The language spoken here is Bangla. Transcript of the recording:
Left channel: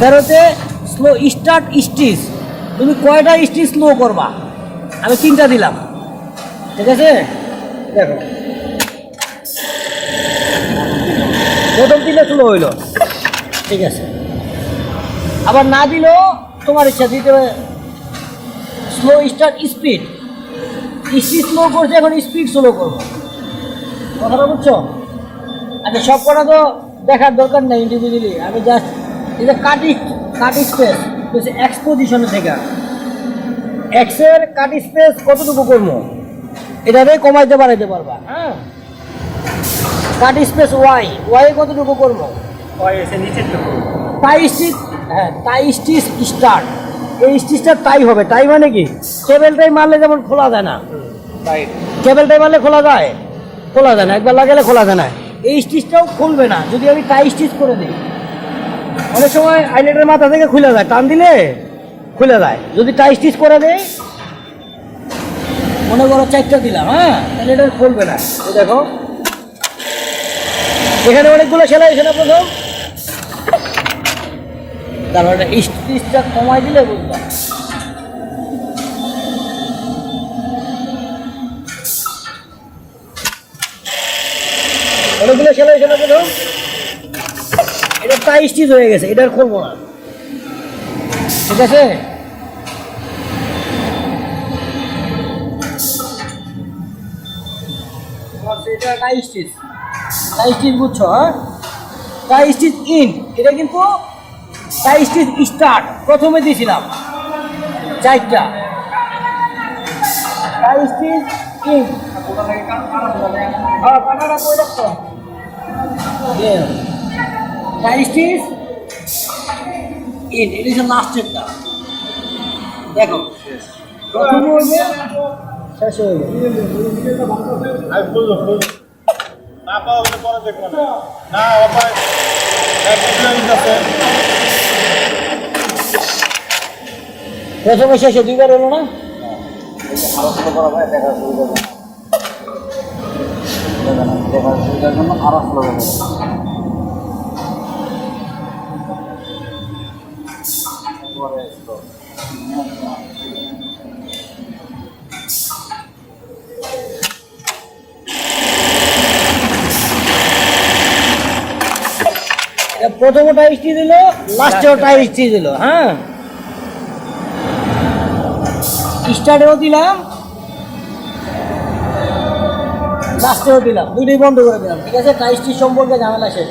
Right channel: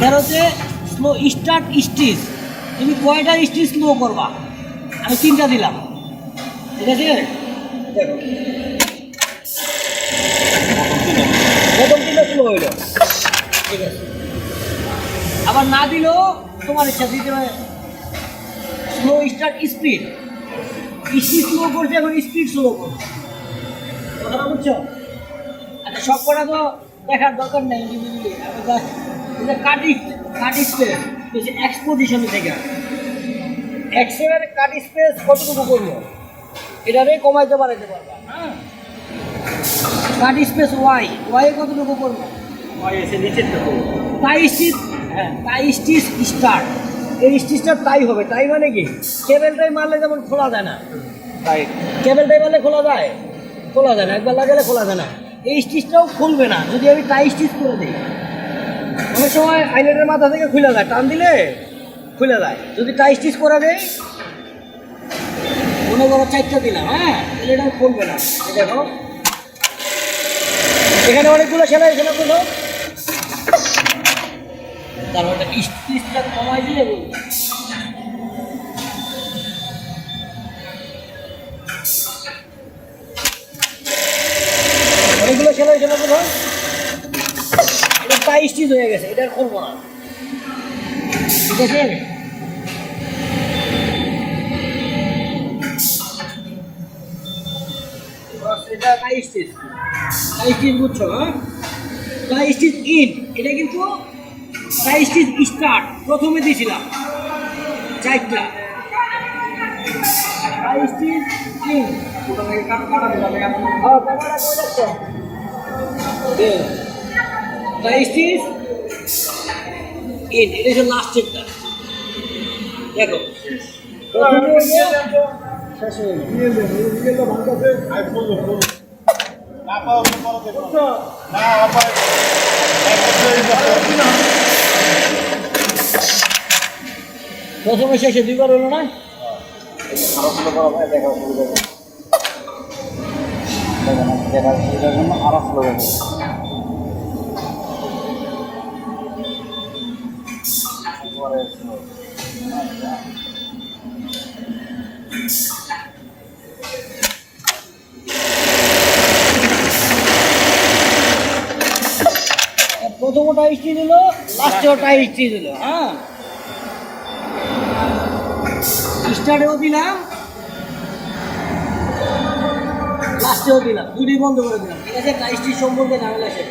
তার হচ্ছে স্লো স্টার্ট স্টিচ। তুমি কয়টা স্টিচ স্লো করবা? আমি তিনটা দিলাম। ঠিক আছে? দেখো। প্রথম তিনটা স্লো হইল। ঠিক আছে। আবার না দিলেও তোমার ইচ্ছা, দিতে slow start speed. Speed slow করছে এখন স্পিড স্লো করব। কথাটা বুঝছ? আচ্ছা সব কটা তো দেখার দরকার নেই ইন্ডিভিজুয়ালি আমি জাস্ট যে কাটি কাটি স্পেস হচ্ছে এক্স পজিশনে থেকে। এক্সের কাটি স্পেস কতটুকু করব? এটাতে কমাইতে বাড়াইতে পারবা হ্যাঁ? কাটি স্পেস ওয়াই ওয়াই কতটুকু করব? হয় এসে টুকু টাই স্টিচ হ্যাঁ টাই স্টিচ স্টার্ট এই স্টিচটা টাই হবে টাই মানে কি? কেবেলটাই মারলে যেমন খোলা যায় না। তাই। কেবেলটাই মারলে খোলা যায়? খোলা যায় না একবার লাগালে খোলা যায় না। এই স্টিচটাও খুলবে না যদি আমি টাই স্টিচ করে দিই। অনেক সময় আইলেটের মাথা থেকে খুলে যায়, টান দিলে খুলে যায়। যদি টাই স্টিচ করে দেয় মনে করো চারটা দিলাম হ্যাঁ? এটা খুলবে না। দেখো। এখানে অনেকগুলো সেলাই, এখানে প্রথম তারপর স্টিচটা কমাই দিলে বুঝবা অনেকগুলো সেলাই, এখানে প্রথম স্টিচ হয়ে গেছে এটা করব না। ঠিক আছে? এটা বুঝছ হ্যাঁ? এটা কিন্তু স্টার্ট, প্রথমে দিয়েছিলাম। চারটা। Tie in. হ্যাঁ টাই স্টিচ ইন এটা হচ্ছে লাস্টেরটা দেখো শেষ হয়ে গেল প্রথমে শেষে দুইবার হলো না দেখার সুবিধার জন্য আরও একবারে স্লো প্রথমে টাইসটি দিল লাস্টেও টাইসটি দিল হ্যাঁ। স্টার্টেও দিলাম লাস্টেও দিলাম, দুটোই বন্ধ করে দিলাম, ঠিক আছে? টাইসটি সম্পর্কে ঝামেলা শেষ।